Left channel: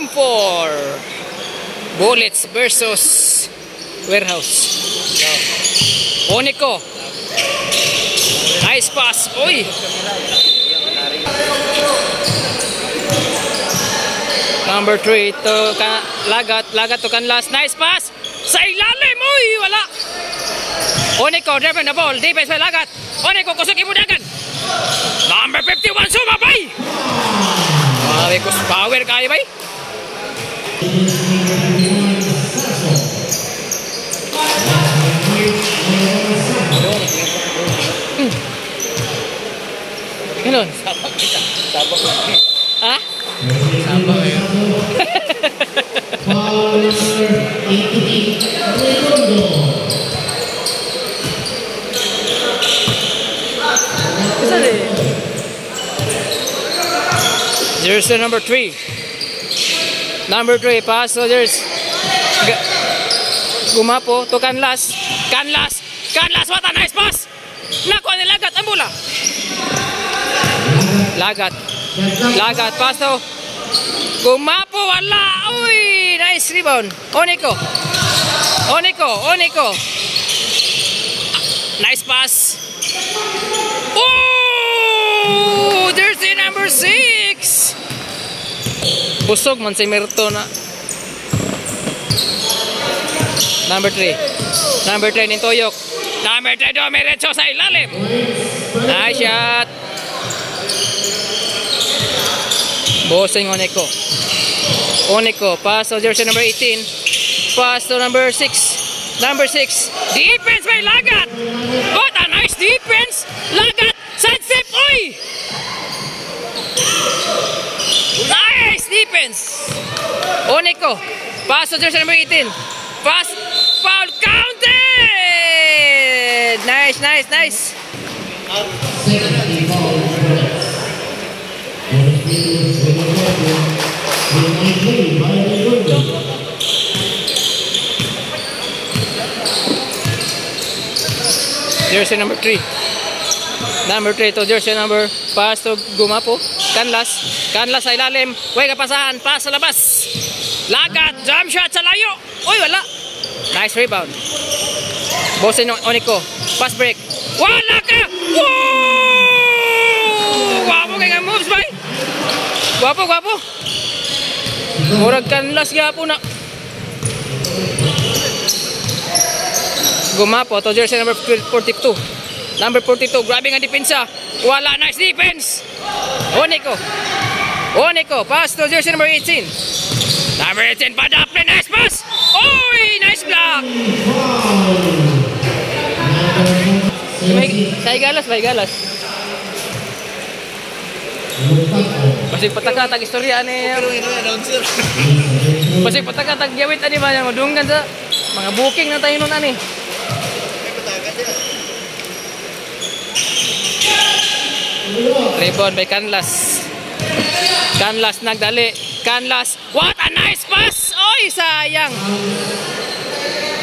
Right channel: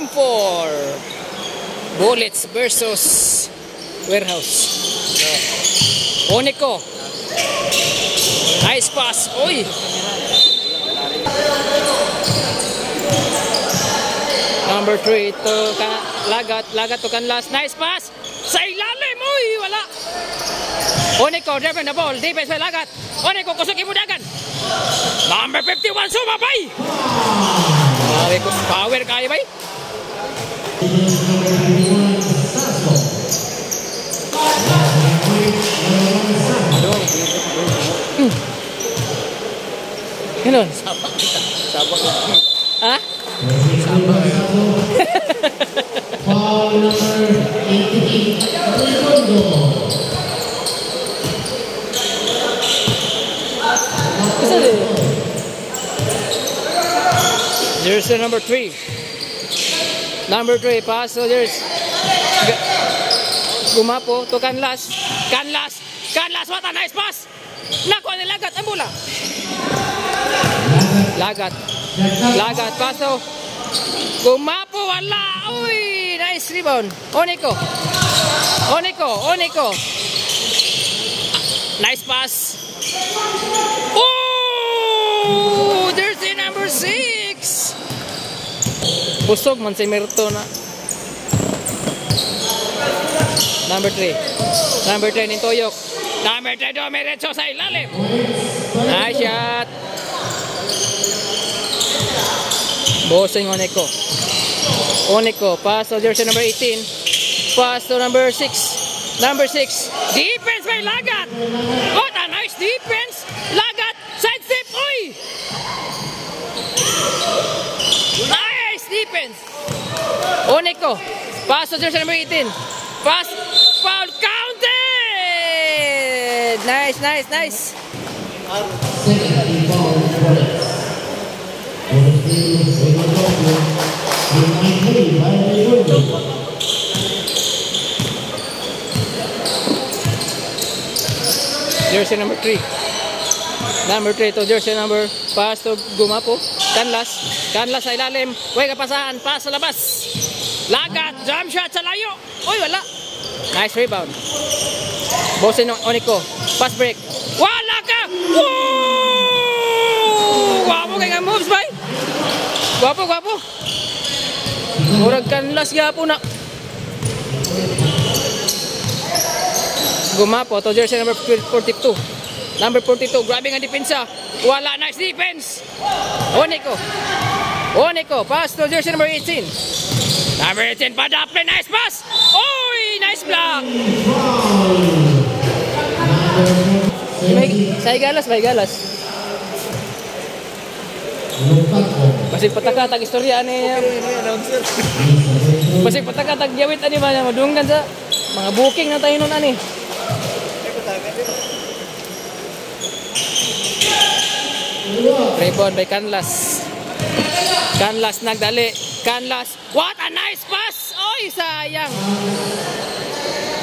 For Bullets versus Warehouse. Onico. Nice pass. Uy. Number 3 to Lagat to Canlas. Nice pass. Sa ilalim. Uy, wala. Onico driving the ball. Defense by Lagat. Onico kusog imudagan. Number 51 sumabay. Power kaya bay. Hello. Ah? Jersey number 3. Number 3 pass. So there's Gumapo to Canlas. Canlas. What a nice pass. Nakuha ni Lagat ang bola. Lagat pass to Gumapo, wala. Uy, nice rebound. Onico. Nice pass. Oh, there's the number 6. Busog man si Merto na. Number 3 Nintoyok. Number 3 Domerecho sa ilalim. Nice shot. Bossing Onico. Pass to jersey number 18. Pass to number 6. Defense by Lagat. What a nice defense. Lagat. Sidestep. Uy. Nice defense. Onico. Pass to jersey number 18. Pass. Foul counted. Nice. Jersey number 3 to jersey number. Pass to Gumapo. Canlas sa ilalim. Uy, kapasahan. Pass sa labas. Lagat. Jump shot sa layo. Uy, wala. Nice rebound. Bosin Onico. Pass break. Wala ka. Woo! Guwapo kaya nga moves, bay. Guwapo. Murag Canlas gapo na. Gumapo to jersey number 42. Grabbing ang depensa. Wala, nice defense. Onico. Pass to jersey number 18. Number 18 Padaple, nice pass. Oy, nice block. May galas. Pasig pataka tag istorya ani. Pasig pataka tag gawit ani ba madunggan sa mga booking na tayo nun ani. Rebound by Canlas nagdali. Canlas, what a nice pass. Oy, sayang.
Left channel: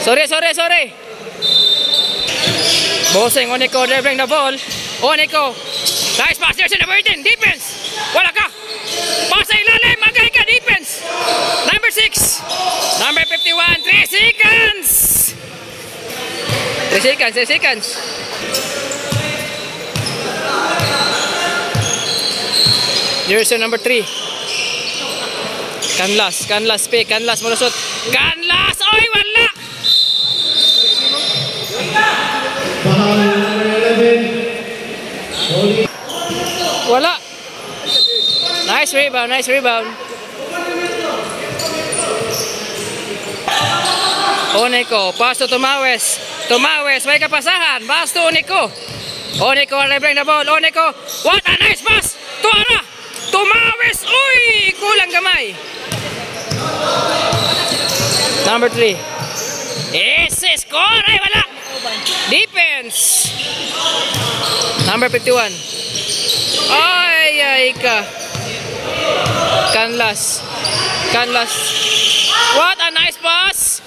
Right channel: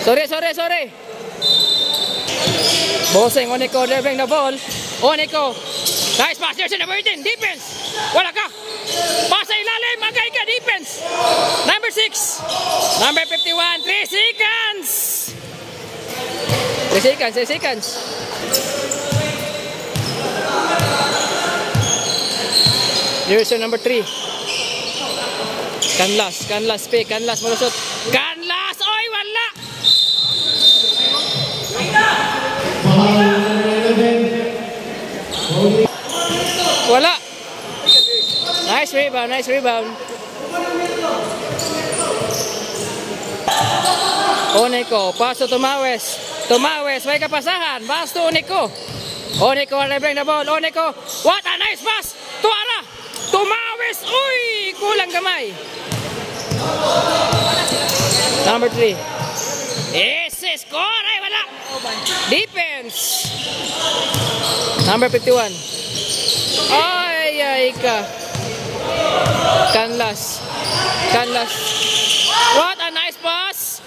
Sorry. Bossing Onico dribbling the ball. Onico. Nice pass. There's number 18. Defense. Wala ka. Pass sa ilalim. Magay ka. Defense. Number 6. Number 51. 3 seconds. 3 seconds. Jersey number 3. Canlas malusot. Canlas, oy, wala. Wala. Nice rebound. Onico, pass to Tomawes, may kapasahan. Pass to Onico, dribbling the ball. Onico, what a nice pass. Tuara. Tomawes, uy, kulang gamay. Number 3. Ese score, ay wala. Defense. Number 51. Ay ka. Canlas. What a nice pass.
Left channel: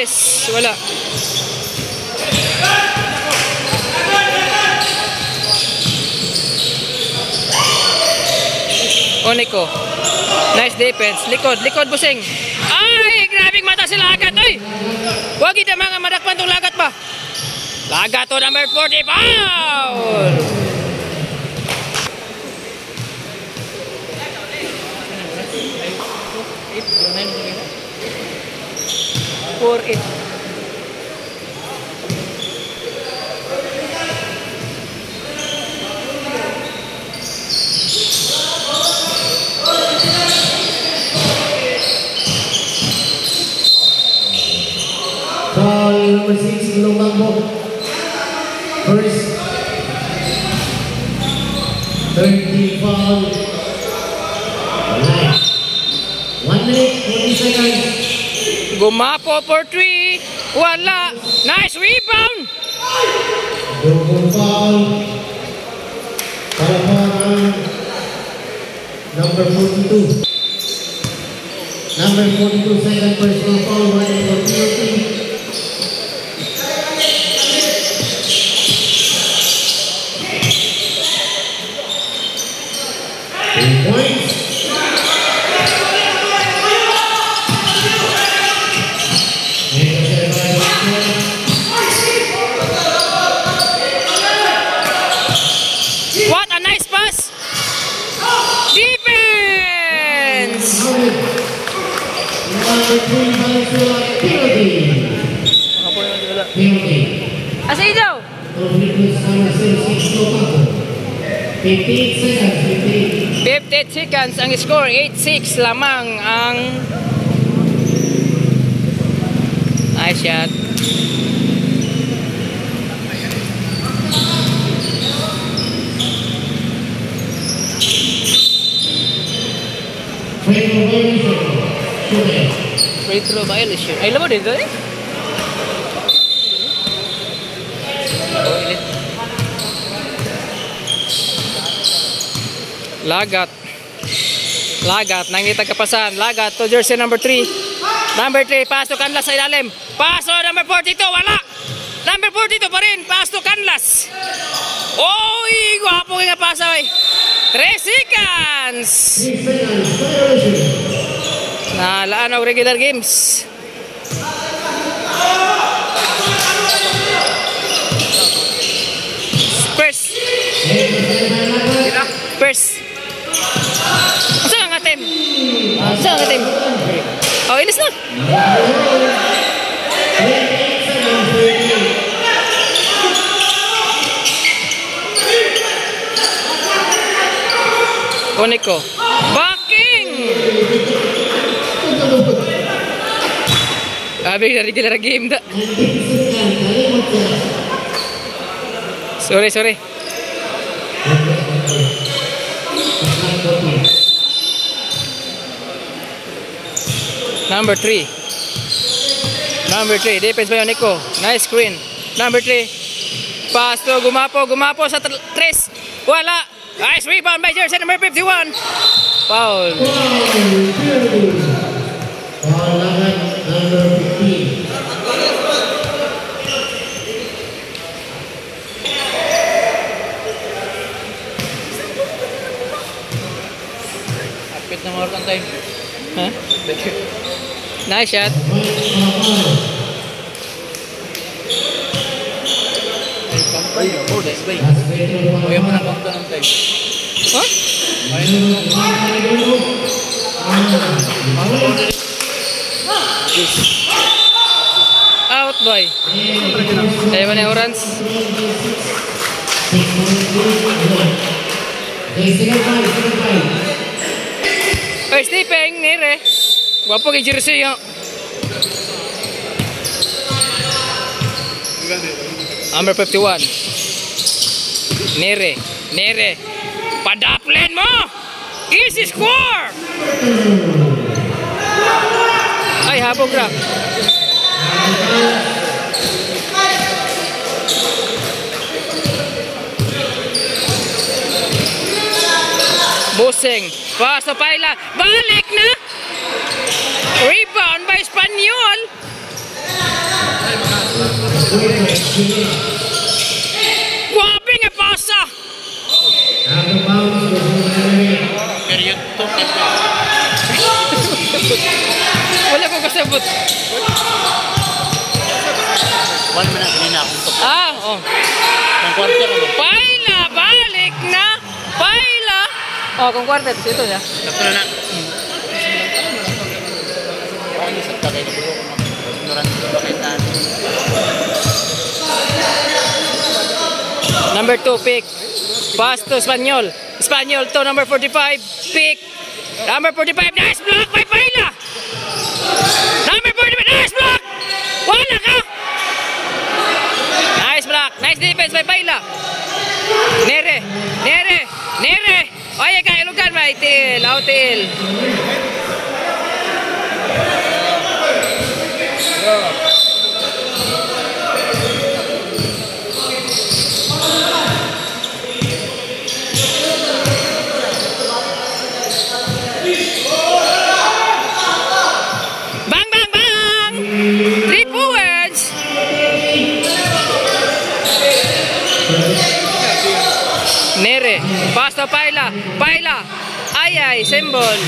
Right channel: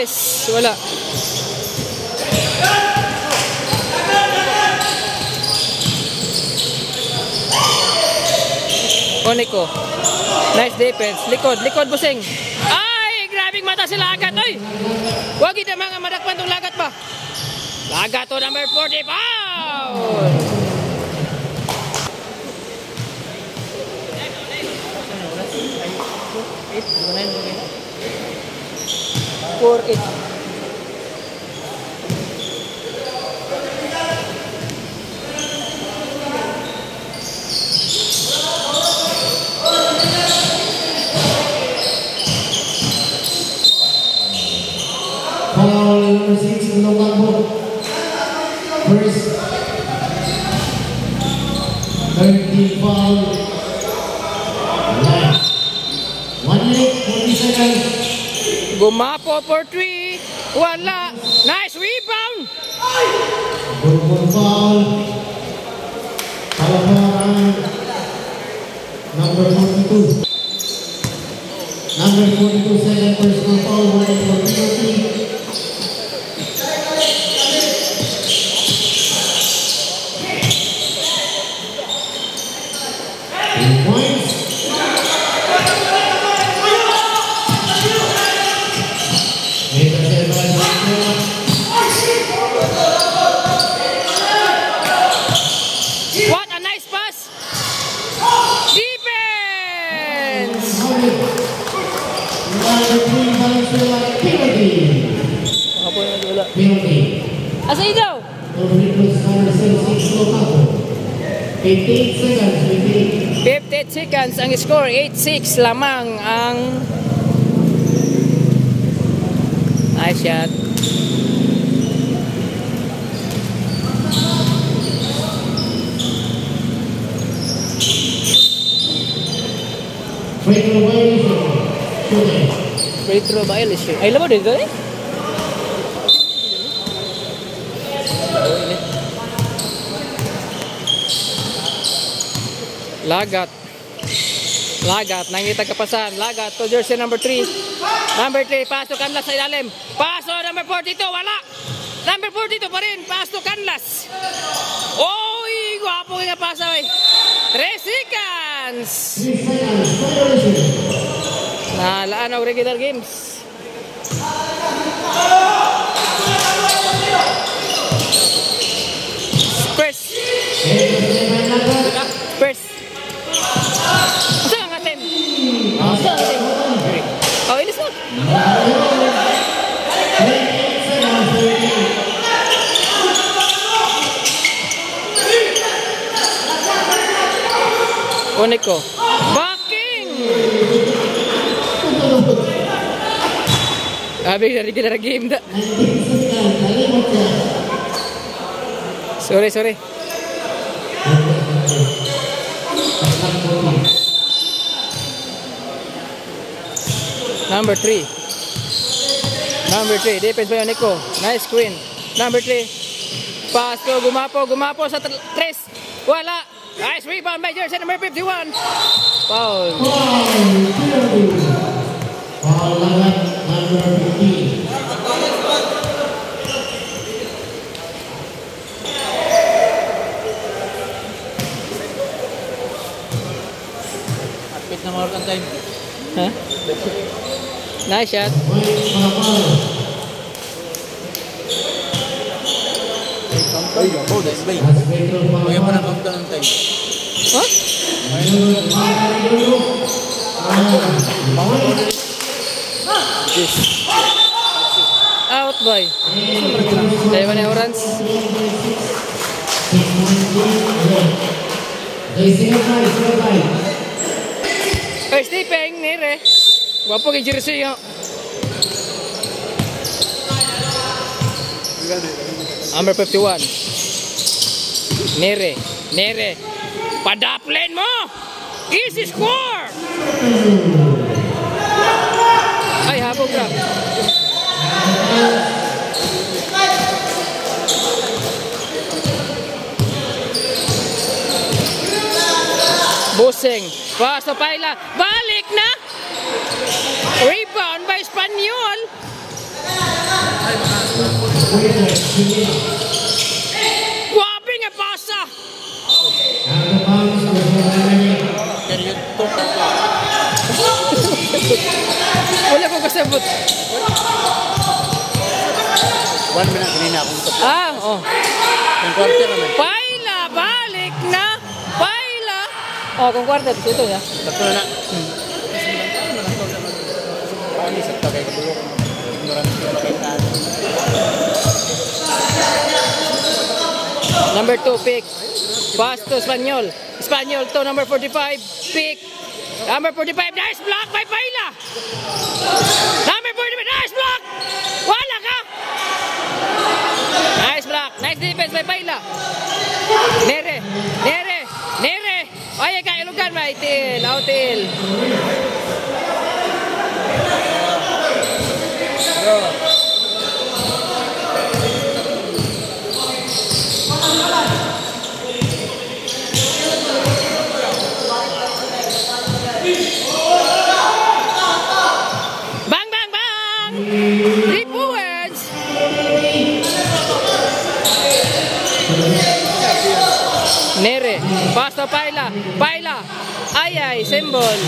Tres. Wala. Onico. Nice defense. Likod. Likod, busing. Ay, grabing mata si Lagat. Oy. Huwag kita mga madakpan tong Lagat ba? Lagat to number 40. Foul! 4-8. Foul number 6 in Lomambo. First 30 foul. 1 minute, 40 seconds. Gumapo for 3. Wala. Nice rebound. Foul. Foul number 42. Number 42, second personal foul, running for penalty. Points. What a nice pass. Defense. Asa daw? 58 seconds ang score. 8-6 lamang ang nice shot. Free throw violation. Ay, labo dito eh. Lagat. Lagat. Nangita kapasan. Lagat to jersey number 3. Number 3. Pass to Canlas sa ilalim. Pass to number 42. Wala. Number 42 pa rin. Pass to Canlas. Oy! Guwapo nga pasa eh. 3 seconds. Nalaan ang regular games. First. First. Asa ang atin? Asa ang atin? Oh, inis na. Onico. Backing! Sabi na regular game da. Sorry. Number 3. Defense by Onico. Nice screen. Number 3. Pass to Gumapo sa 3. Wala. Nice rebound by jersey number 51. Foul. Kapit na more time. Huh? Nice shot. Ayaw pa na kanto ng time. Huh? Out boy. Dahil ba na orange? Oy, Stephen, nire. Wapo kay jersey yung. Number 51. Nere. Padaplen mo! Easy score! Ay, habog grab. Busing. Paso Paila. Balik na! Rebound by Espanyol. Grabe nga pasa! Period 2 kasi. Wala ko kasabot. 1 minute kanina akong to. Ah, oh. Ang quarter naman. Paila, balik na! Paila! Oh, kung quarter, ito niya. Sakto na na. Ay, sa tagay ko. Ignorant ko ba kayo tayo? Number 2, pick. Pass to Espanyol. Espanyol to number 45. Pick. Number 45. Nice block by Paila. Number 45. Nice block. Wala ka. Nice block. Nice defense by Paila. Nere. Nere. Nere. Oye ka. Ilugan ba? Itil. Outil. Bang, bang, bang! 3 points! Nere, pass to Paila. Paila. Ay, ay, symbol.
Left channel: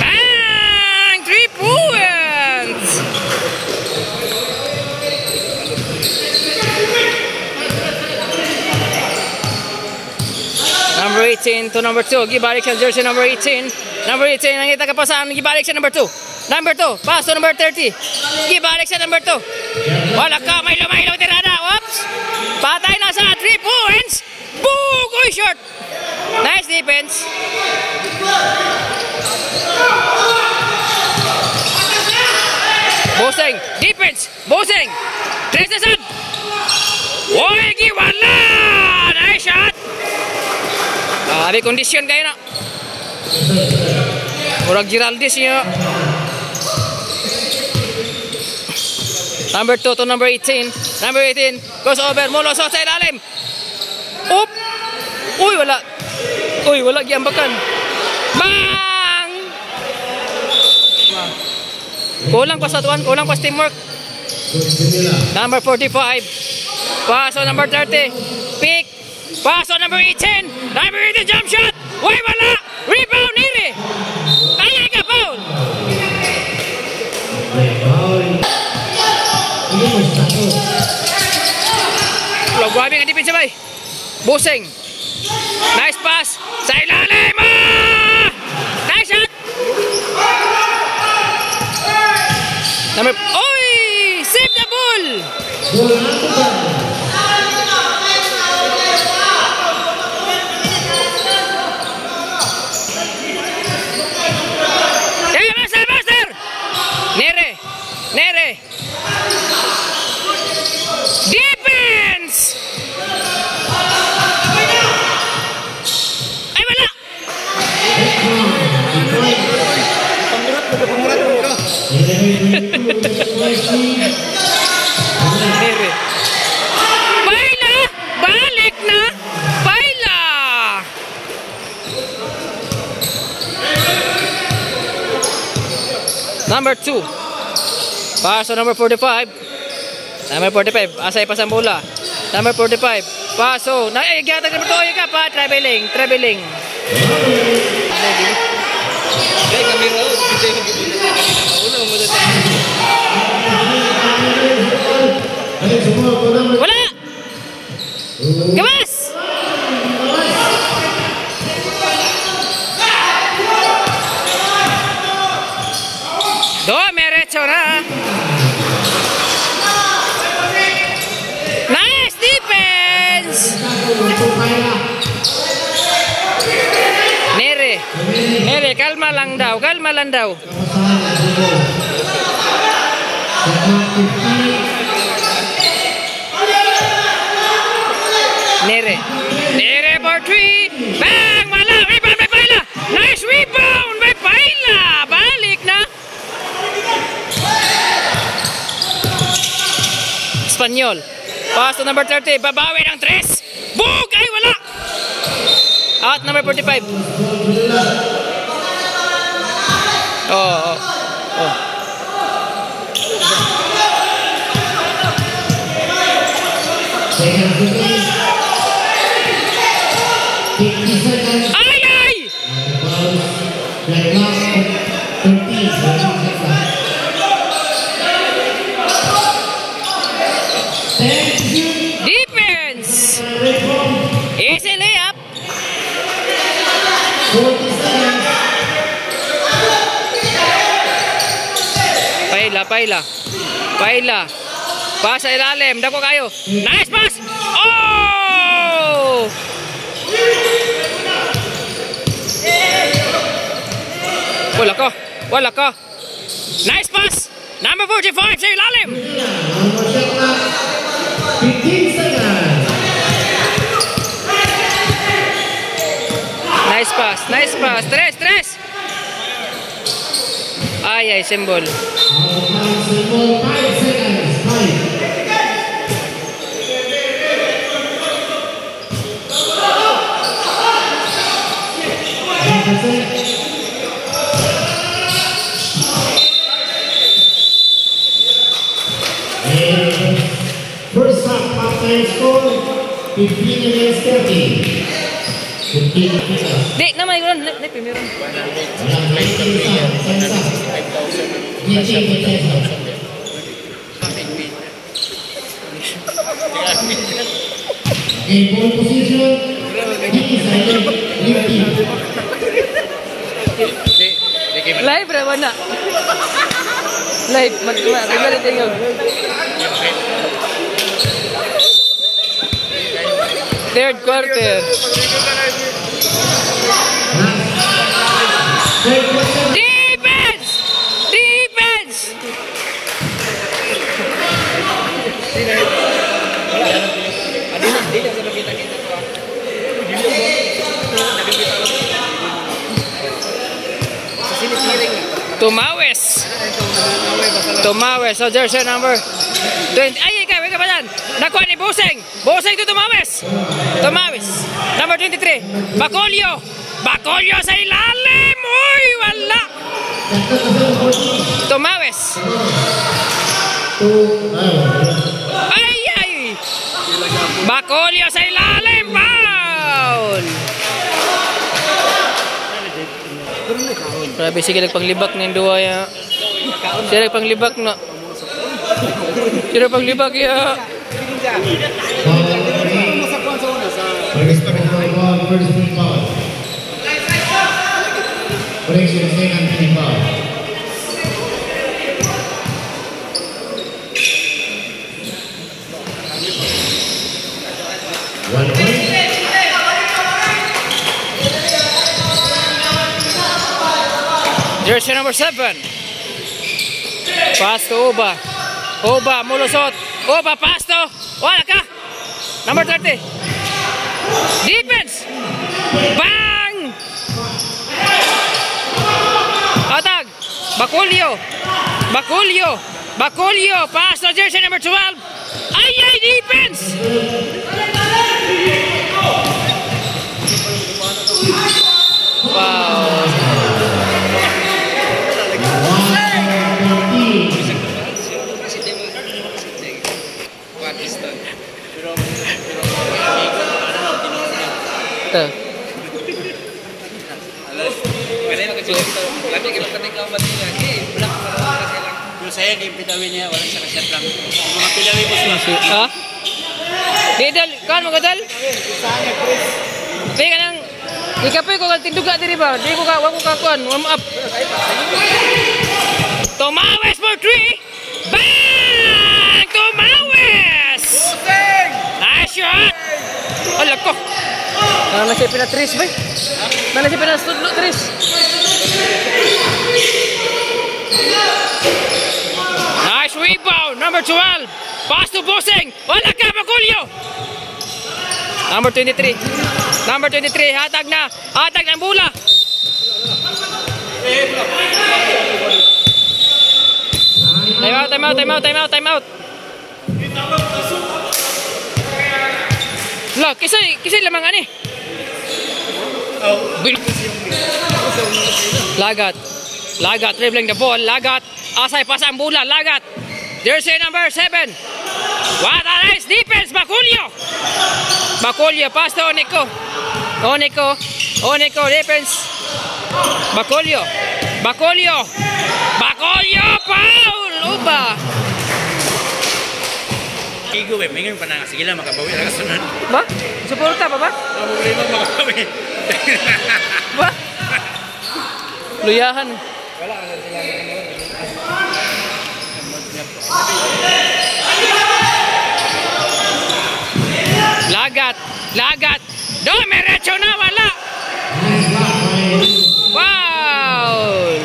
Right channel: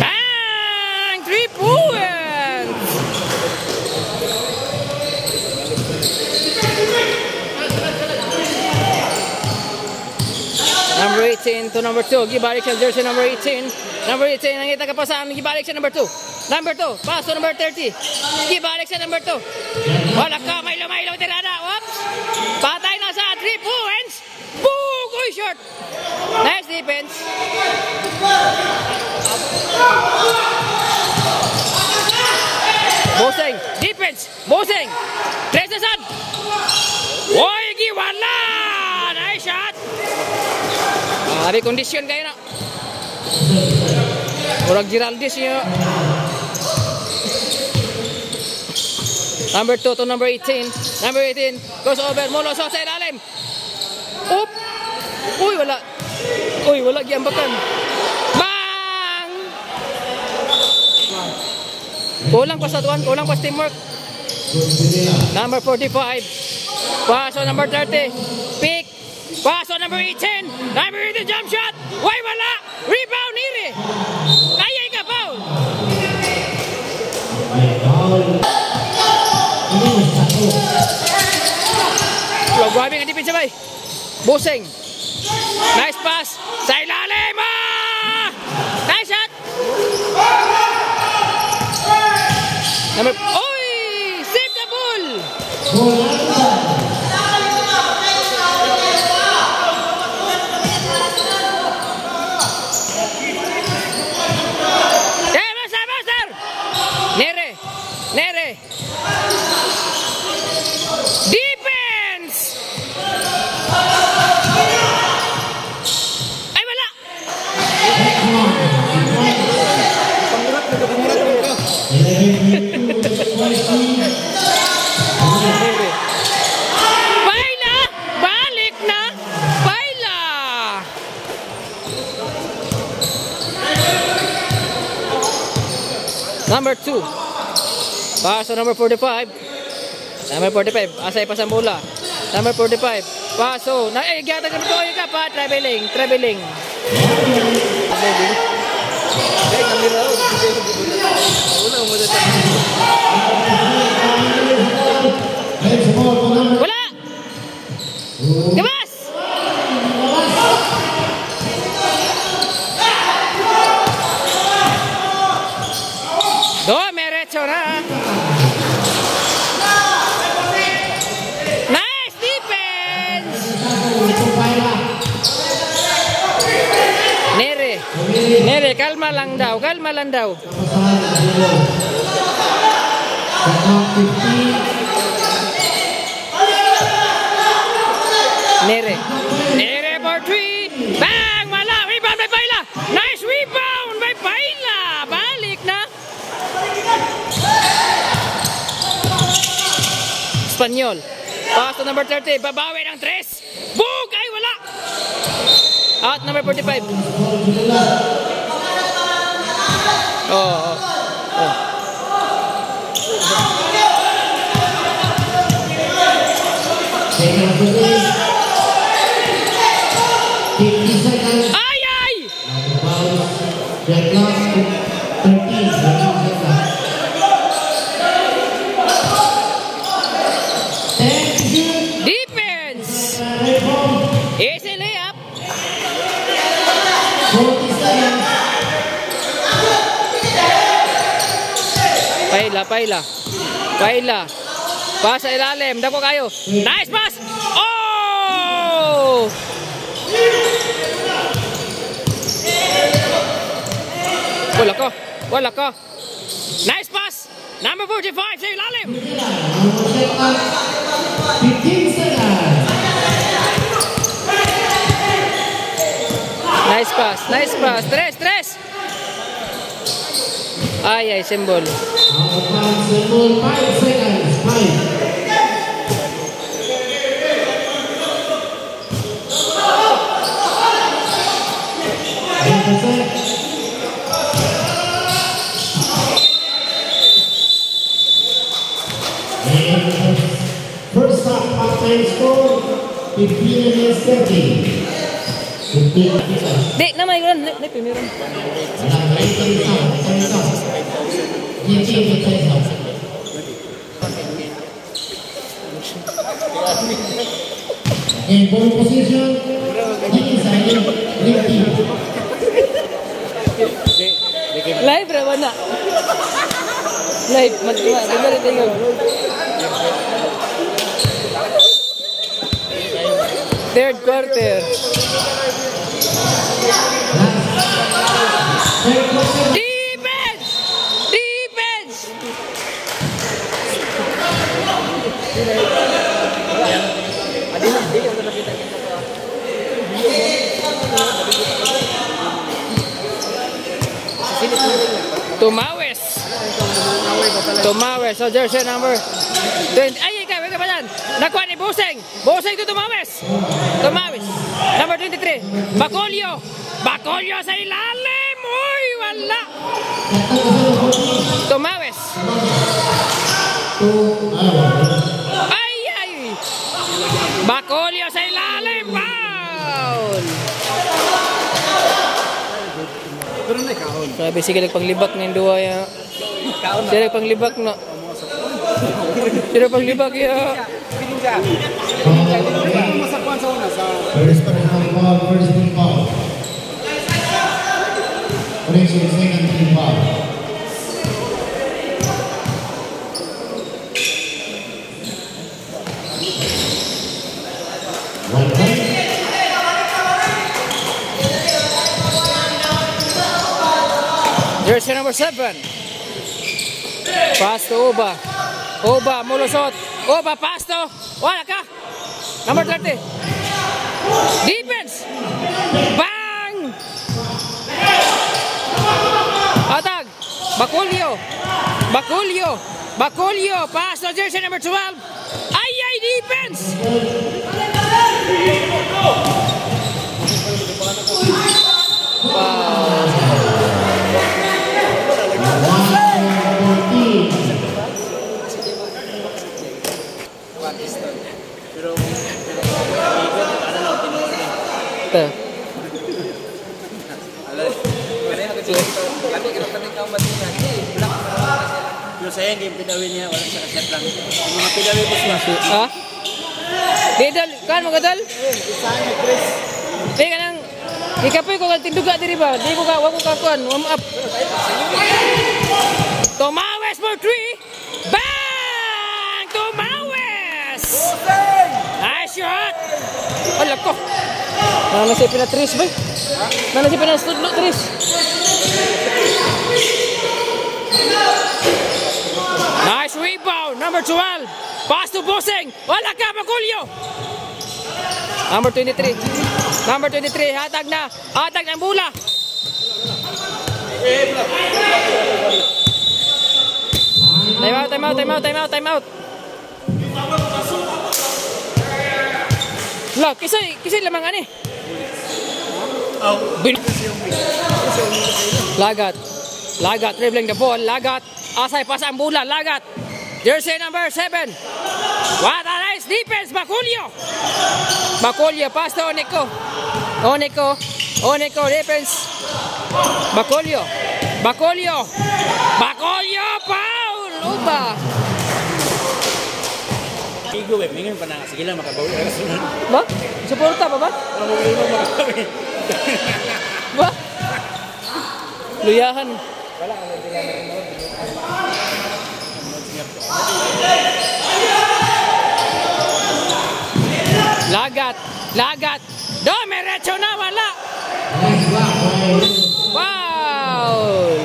Bang! 3 points! Number 18 to number 2. Gibalik siya jersey number 18. Number 18. Nangita ka pa saan. Gibalik siya number 2. Number 2. Pass to number 30. Gibalik siya number 2. Wala ka. May lumahilaw tirada. Whoops. Patay na sa 3 points. Boom! Uy, short. Nice defense. Boseng. Defense. Boseng. Tres na sad. Uy, giwala. Nice shot. May kondisyon kayo na. Murag Giraldis niya. Number 2 to number 18. Number 18 goes over. Mulo sa ilalim. Oop. Uy, wala. Uy, wala giambakan. Bang! Kulang pa sa tuwan. Kulang pa sa teamwork. Number 45. Pass on number 30. Pick. Pass on number 18. Number 18 jump shot. Uy, wala. Rebound, Nere. Kaya ka, foul. Grabe nga defense sabay. Boseng. Nice pass. Sa ilalim. Nice shot. Number... Oy! Save the ball. Yeah, master. Nere. Nere. Defense! Ay, wala! Nere. Paila! Balik na! Paila! Number 2. Paso number 45. Number 45, asay pa sa mula. Number 45, paso. Nagyata ka ito, ka pa. Traveling. Wala! Gamas! Do, merecho na. Nice defense! Nere, kalma lang daw. Nere for 3. Bang! Wala! Rebound by Paila! Nice rebound by Paila! Balik na! Espanyol. Pass to number 30. Babawi ng 3. Bug! Ay, wala! Out number 45. Oh. Second to go. 50 seconds. Ay, ay! That last 13 seconds. 10 Defense! Easy layup. 40 seconds. Paila. Pass sa ilalim. Dako kayo. Nice pass! Oh! Wala ka. Nice pass! Number 45 sa ilalim. 15 seconds. Nice pass. Tres. Ay, symbol. Out of bounds, symbol. 5 seconds. 5. First half halftime score 15 against 30. 15 against. Di, naman yun. Meron. Walang 19 sa. In pole position, Live, wala. Live, Third quarter. Defense! Tumawes. So jersey number 20. Ay, ikaw ba yan? Nakuha ni Boseng to Tumawes. Number 23. Bacolio sa ilalim. Uy, wala. Tumawes. Ay. Bacolio sa ilalim. Foul. Grabe, sige nagpanglibak ng duwa ya. Sige nagpanglibak na. Sige nagpanglibak ya. Jersey number 7. Pass to Oba. Mulusot. Oba, pass to. Wala ka. Number 30. Defense. Bang! Atag. Bacolio. Pass to jersey number 12. Ay, defense. Wow. Ito. Saya game pitawin niya wala sa set lang. Mga pitawin ko siya. Ha? Dedal, kan magadal? Teka nang ikapoy ko tinduga diri ba? Di ko ka wako ka kuan, warm up. Tumawes for 3. Bang! Tumawes! Nice shot. Wala ko. Nana siya pinatris ba? Nana siya pinastudlo tris. Nice rebound, number 12. Pass to Boseng. Wala ka, Bacolio. Number 23. Hatag ng bola. Time out. Look, kisay lamang ani. Lagat, dribbling the ball. Lagat, asay pasa ang bola. Lagat. Jersey number 7. What a nice defense, Bacolio! Bacolio, pass to Onico. Onico, defense. Bacolio. Bacolio, foul! Uba. Igo, mingan pa na. Sige lang, makabawi na kasunod. Ba? Suporta pa ba? Problema, makabawi. Ba? Luyahan. Lagat. Domerecho na, wala. Foul!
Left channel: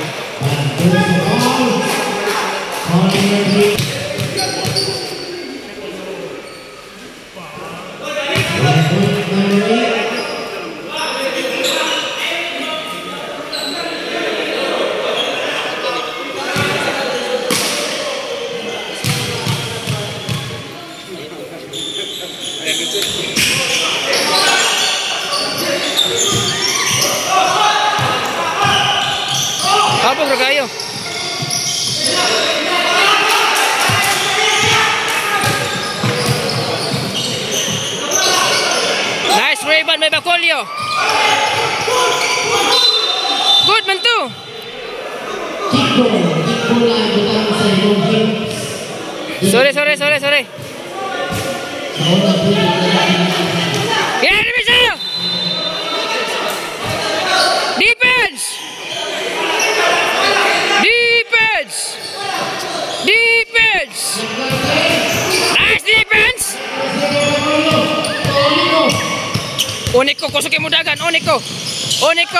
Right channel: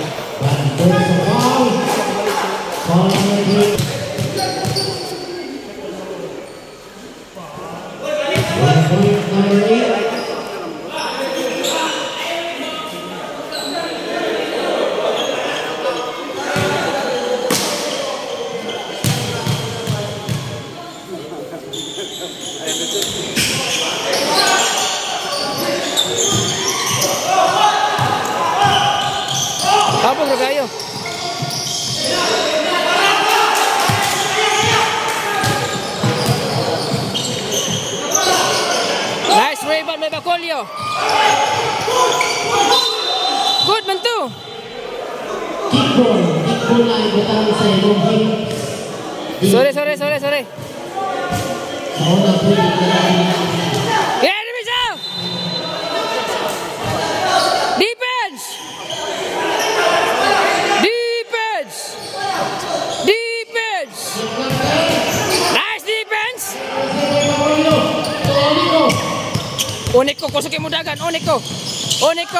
Habog na kayo. Nice rebound may Bacolio. Good man to. Sorry. Yeah, Defense. Nice defense. Onico, kusukin mo dagan. Onico,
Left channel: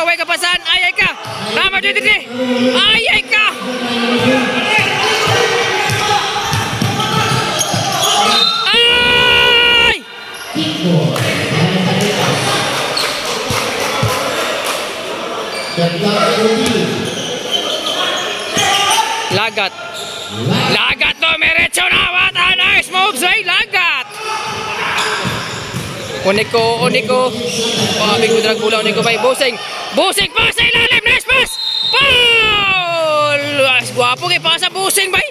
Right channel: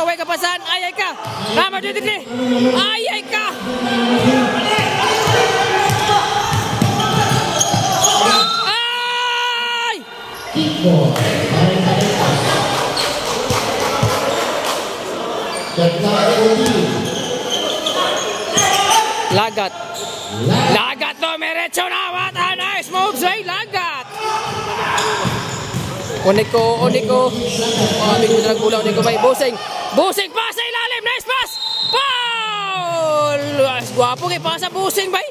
way kapasan. Ayay ka. Number 23. Ayay ka. Ay! Lagat to, merecho na. What a nice move, say Lagat. Onico. Big drag bola Onico by Bosing pass sa ilalim. Nice pass. Foul! Guwapo kay pasa Bosing bay.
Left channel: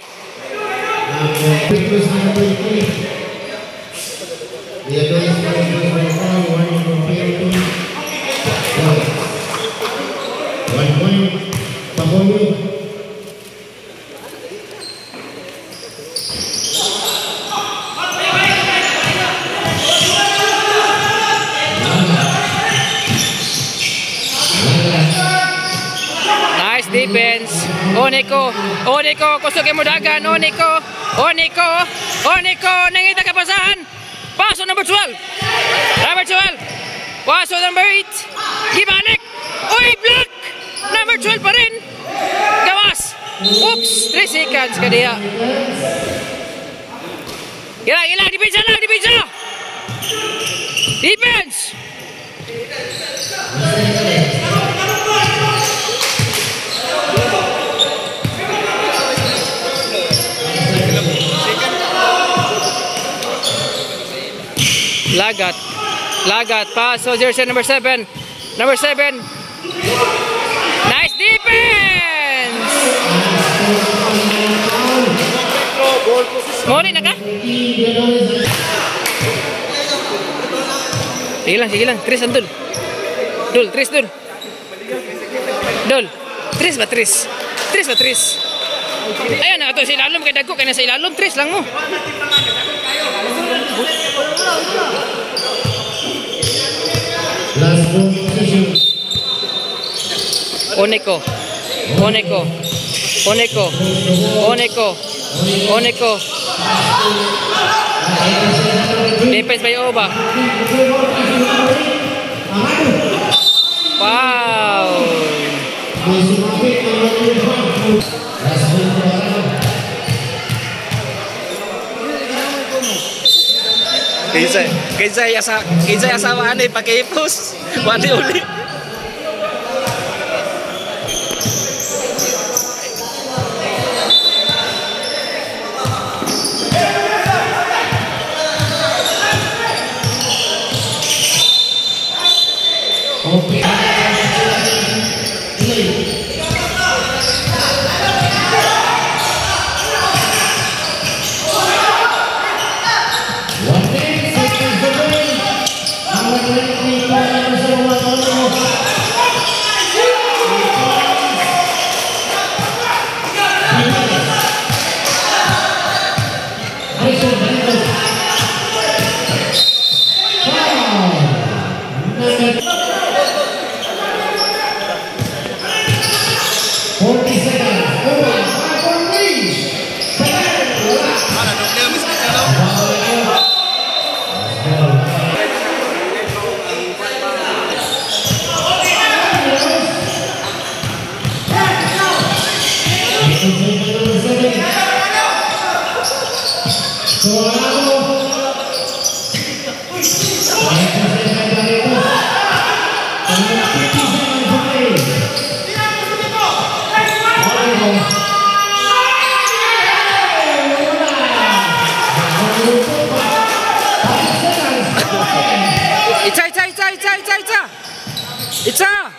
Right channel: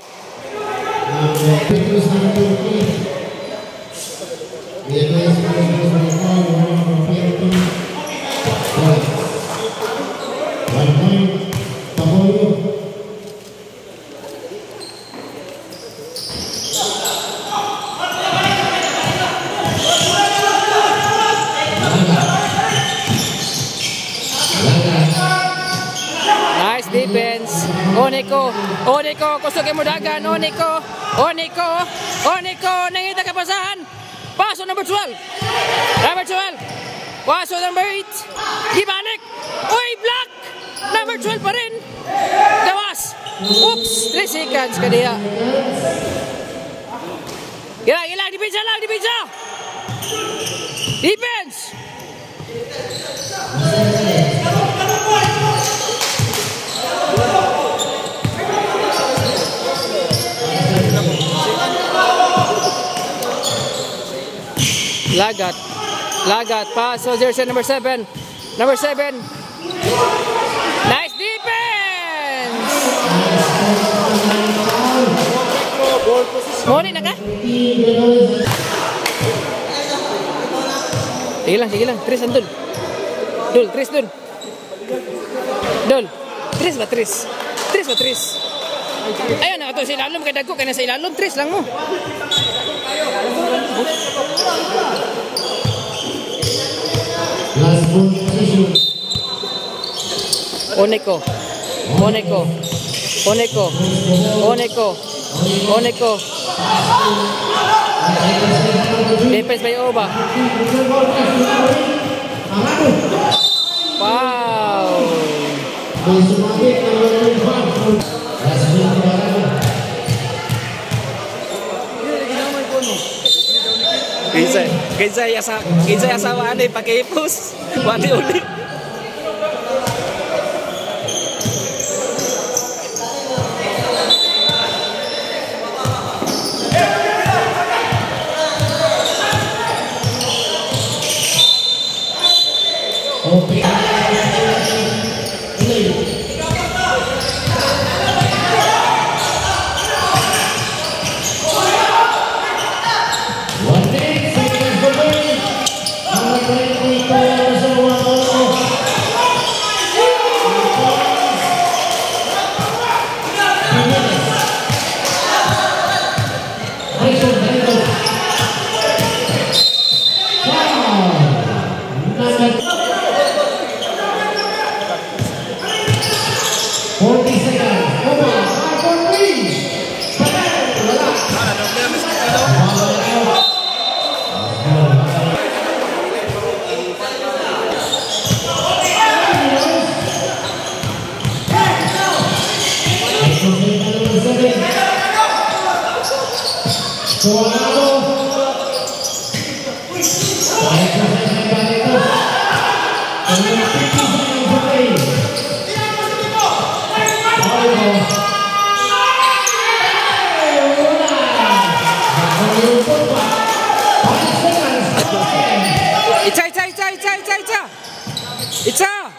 Nice defense. Onico, kusukin mo dagan. Onico, nangita kapasahan. Paso number 12. Paso number 8. Gibalik. Uy, block. Number 12 pa rin. Gawas. Oops, 3 seconds ka diya. Ilang, depensa. Defense. Lagat, pass so jersey number 7. Nice defense. Mori na ka? Sige lang. Tris andun. Tris dul. Tris ba? Ayan na ito sa ilalom. Kaya dagko kaya na sa ilalom. Tris lang mo. Onico. Defense by Oba. Wow. Kinsa asawa ani pakai pus. Wani uli. Itza!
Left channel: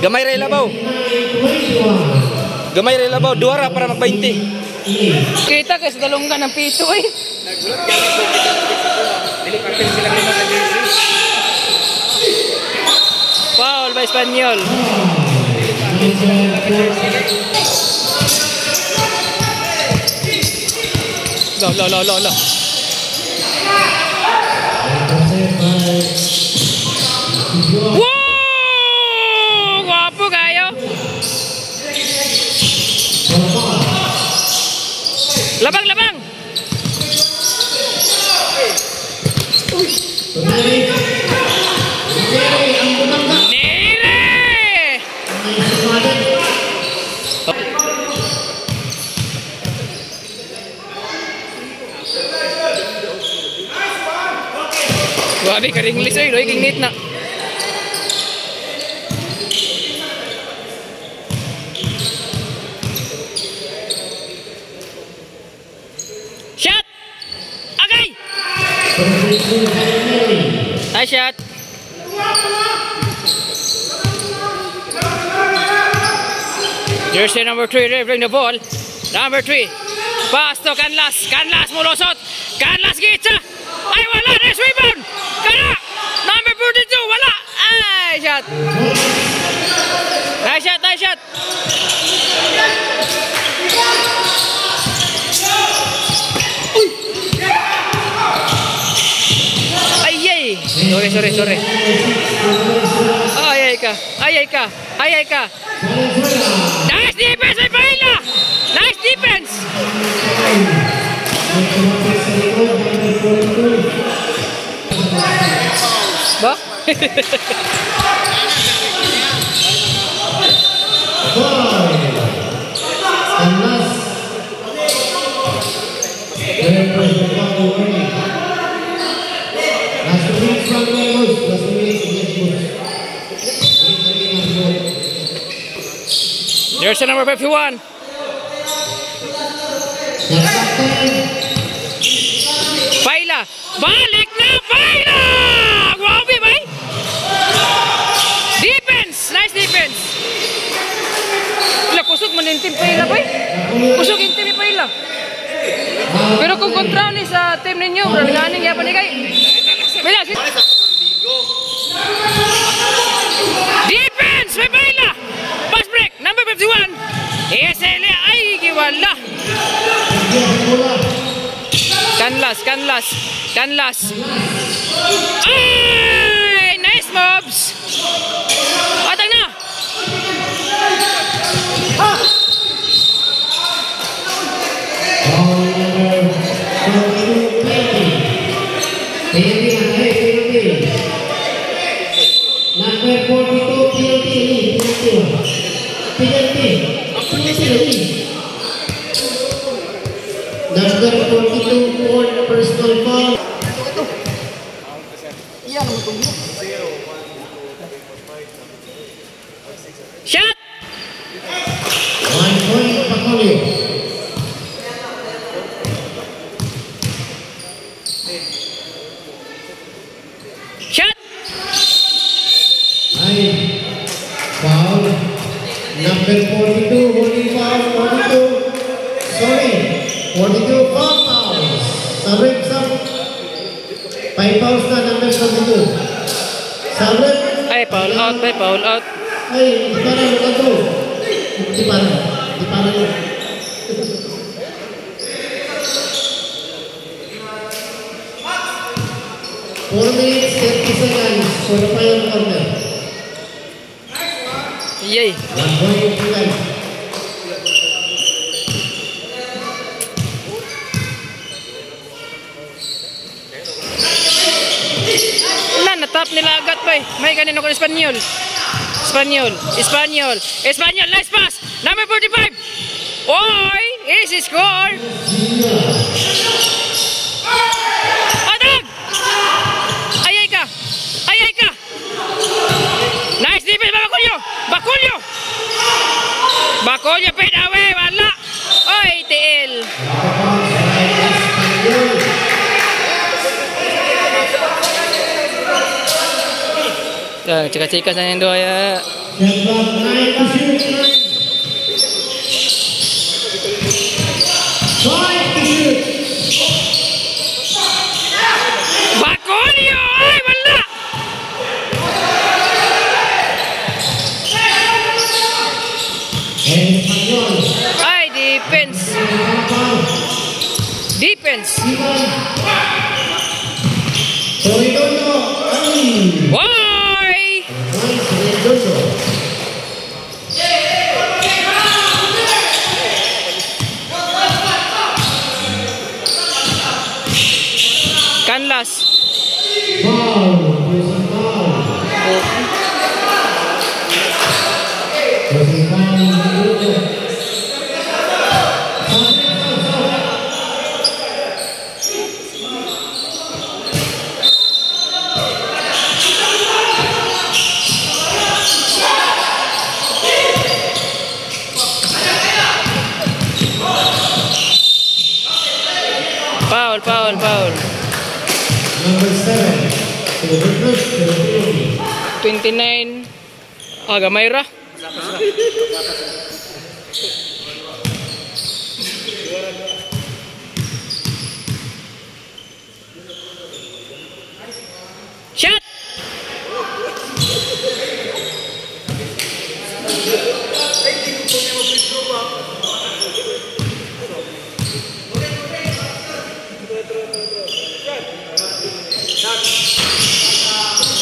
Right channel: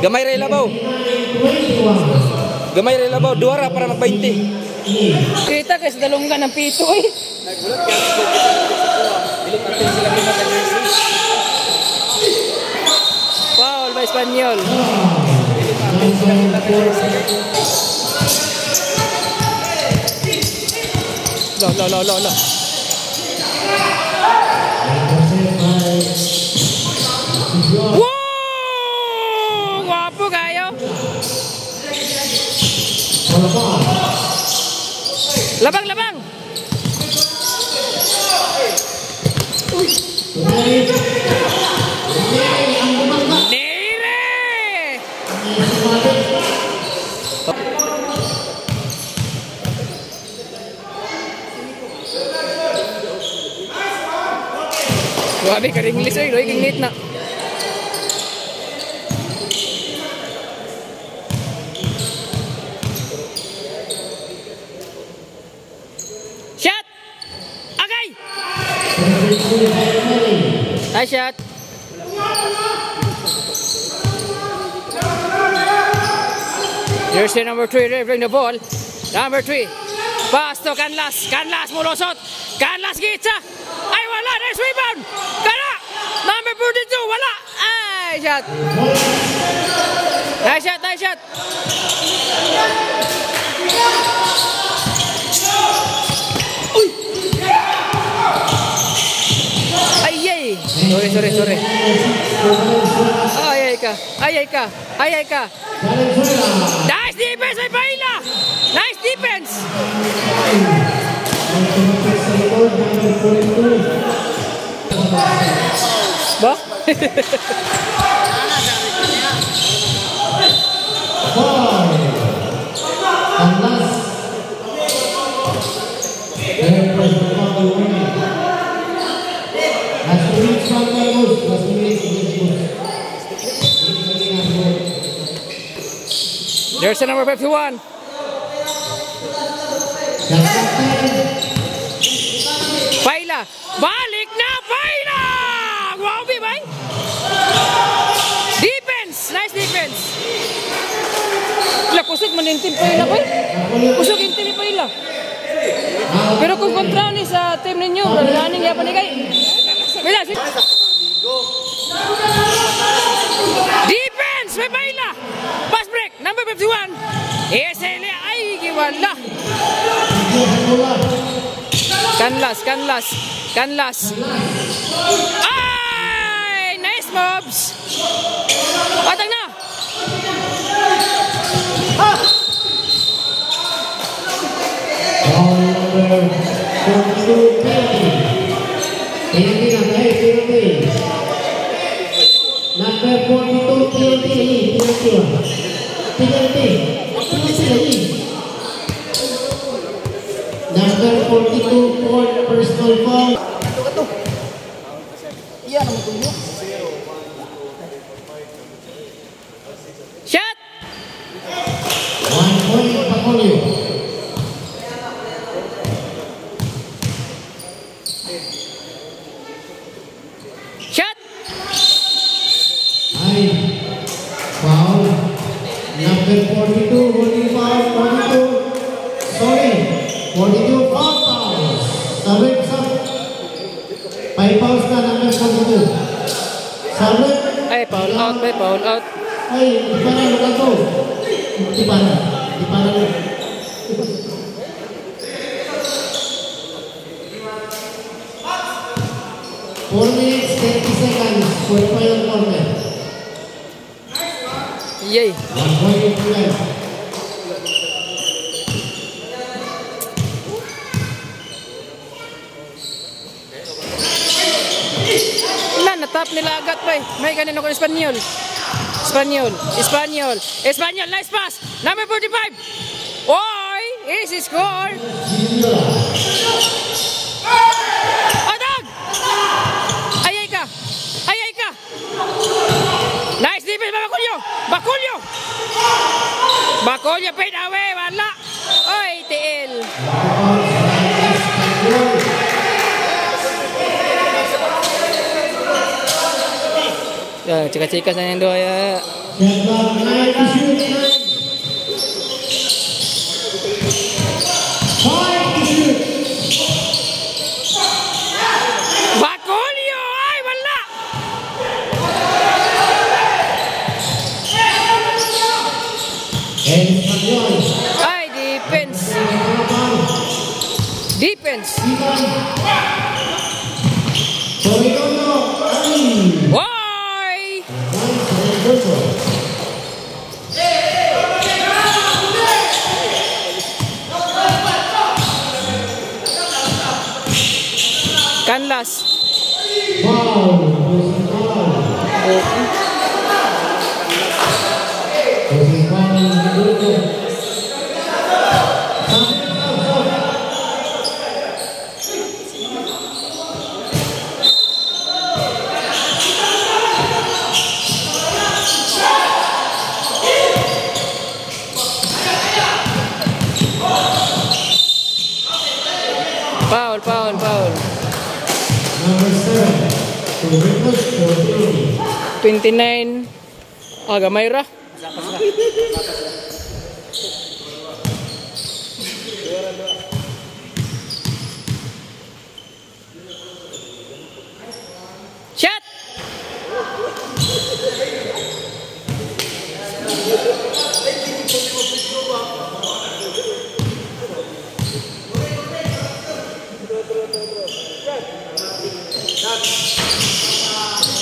Gamay ray labaw. Gamay ray labaw, duara para mag-20. Kita kay sa dalunggan ng pito eh. Foul by Espanyol. Lo. Wow! Guwapo kayo. Labang. Nere! Grabe ka ring lisoy, Roy, king neat na. Shot! Okay! Nice shot! Jersey number 3 delivering the ball. Number 3. Pass to Canlas. Canlas mulusot. Canlas gitsa. Ay wala. Nice rebound. Kara. Number 42. Wala. Ay shot. Nice shot. Ay. Sorry. Ay ka. Nice defense, may Paila! Nice defense! Ba? Jersey number 51. Paila. Balik na Paila! Wow, bay! Defense! Nice defense! Kusog man yung team Paila, bay. Kusog yung team Paila. Pero kung kontra ni sa team ninyo, bradaning yapan ni kay. Paila, defense! May Paila! Pass break! Number 51! ESL! Ay, giwala! Canlas! Ay! Nice moves! Patag na! Number 42 Number 42 for personal foul. Shot! 1 point Pacolio. Shot! Foul. Number 42 holding foul. 42 foul fouls. Sabit sa 5 fouls na number 42. Sabit. Ay, foul out. Ay, di para mo ito. Di para. 4 minutes, 30 seconds for player corner. Yay! 1 point left. Natap nila agad pa eh. May kanino ko Espanyol. Nice pass. Number 45. Oy, easy score. Atag! Ayay ka. Ayay ka. Nice defense, Bacolio. Bacolio. Bacolio, fade away. Wala. Oy, tiil. Cika-cika sa yung doa ya. Bacolio! Ay, wala! Ay, defense. Defense. Why? Canlas. Foul, foul, foul. Number 7. To the reverse for penalty. 29. Gamay ra. Shot!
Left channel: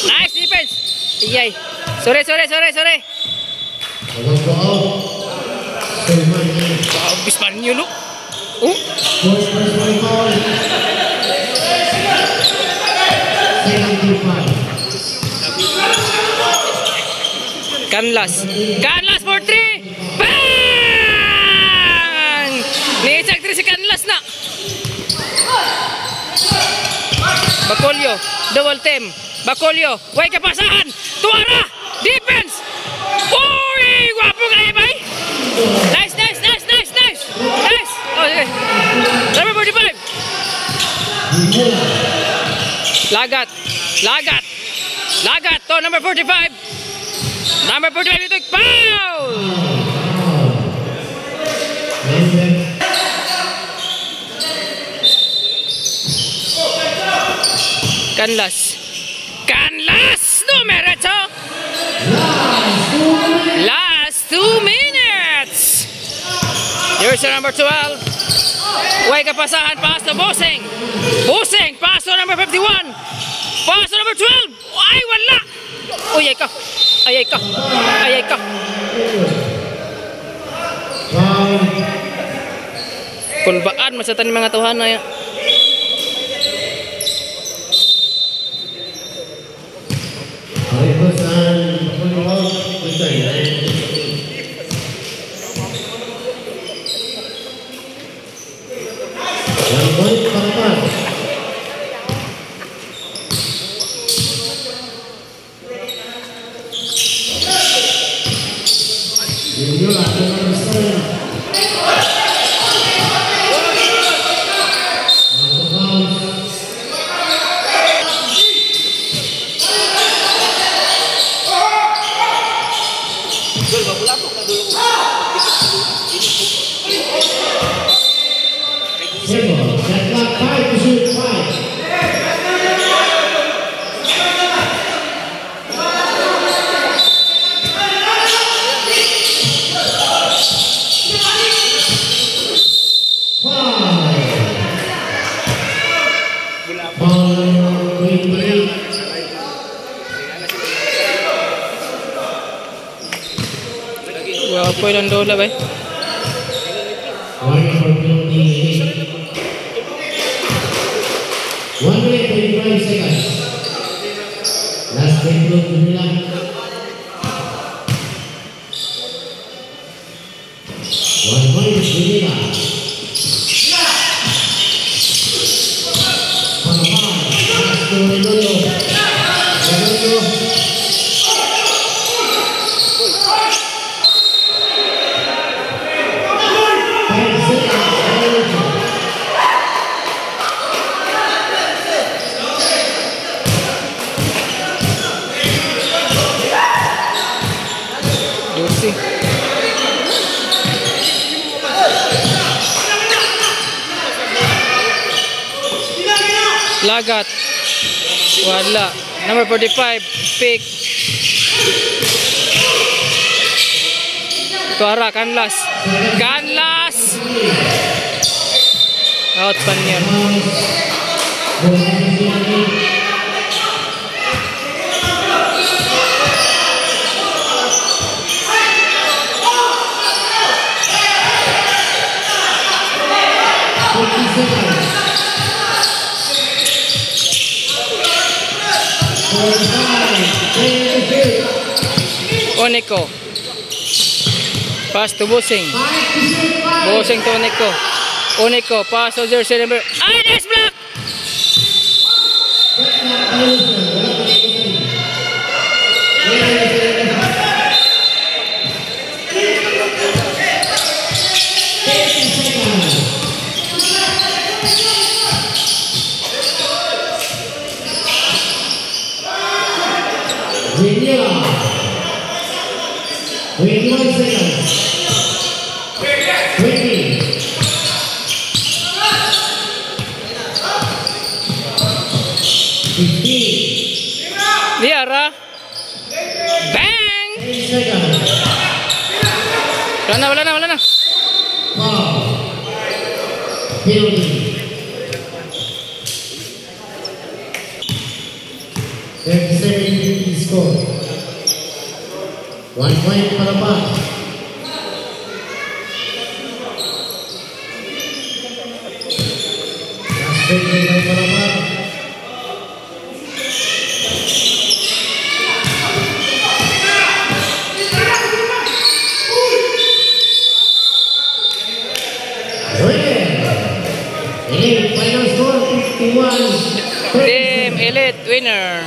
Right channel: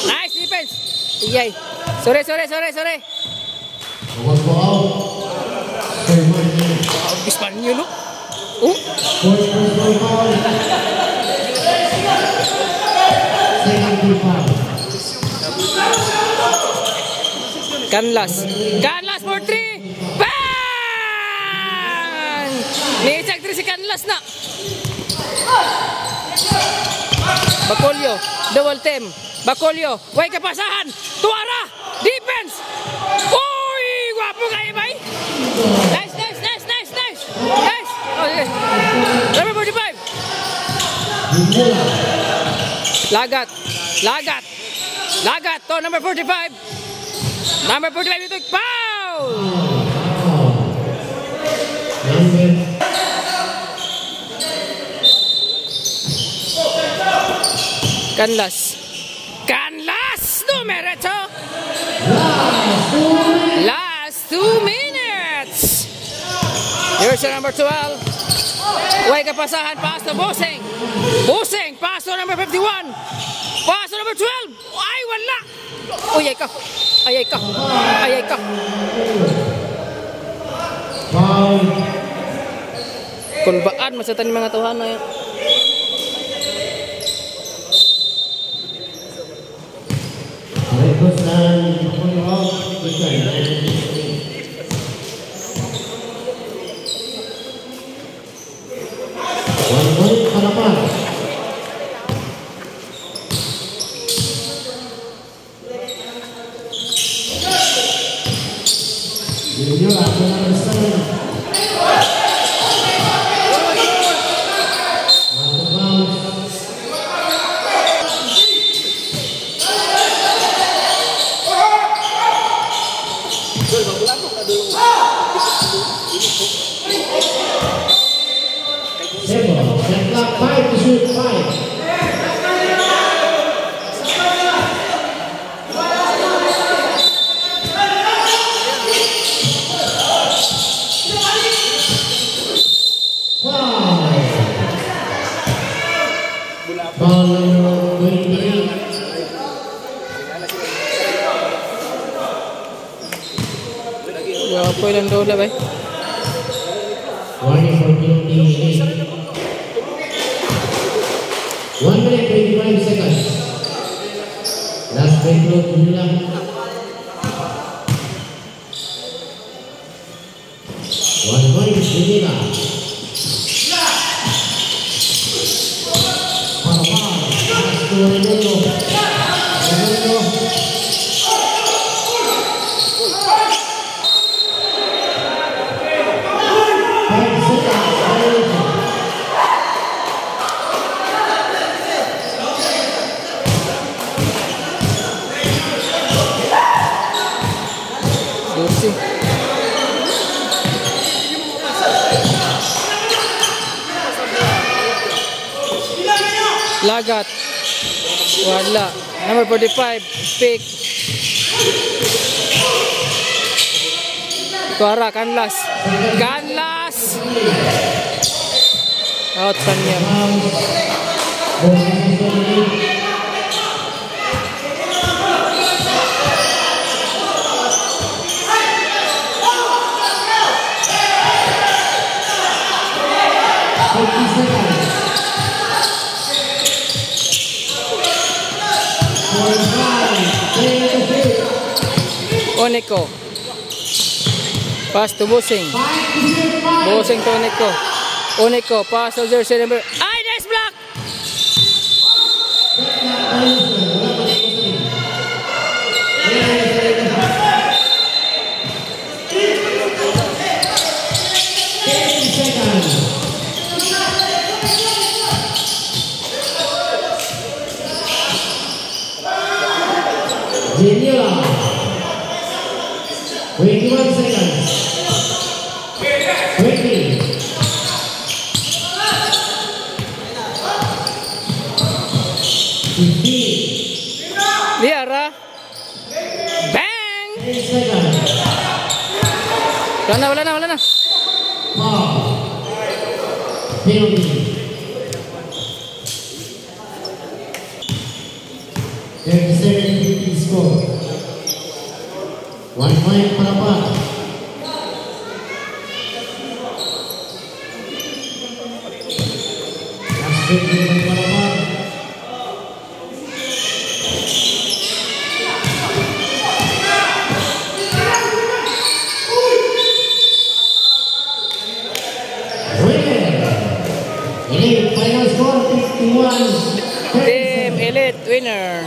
Nice defense. Iyay. Sore. One ball. Abis pa niyo, no? Oh. First personal foul. 75. Canlas for 3. Bang! May isang 3 si Canlas na. Bacolio, double team. Bacolio, way kapasahan. Tuara, defense. Uy, guwapo kaya ba? Nice. Oh, okay. Number 45. Lagat. To number 45. Number 45 itu foul. Canlas numero 8. Last 2 minutes. Jersey number 12. Way kapasahan, pass to Boseng. Pass to number 51. Pass to number 12. Ay, wala. Uy, ayay ka. Kung baan, masatan yung mga tuhan na yan. Wapo ilang dola ba? 1 minute 25 seconds. Last break to nila. point Manila. Panapan, pass to Redondo. Redondo. 5 seconds, violation. Dosi. Lagat. Wala. Number 45. Pick. Tuara. Canlas. Canlas! Out pa niya. Oneko. Pass to Busing. Busing to Oneko. Oneko. Pass to jersey number. Ay, nice block! Manila. 21 seconds. 20. Liara. Bang! 10 seconds. Wala na. Foul. Penalty. 37-50 score. 1 point Panapan. Last break by Panapan. Winner. Final score 51. Team Elite winner.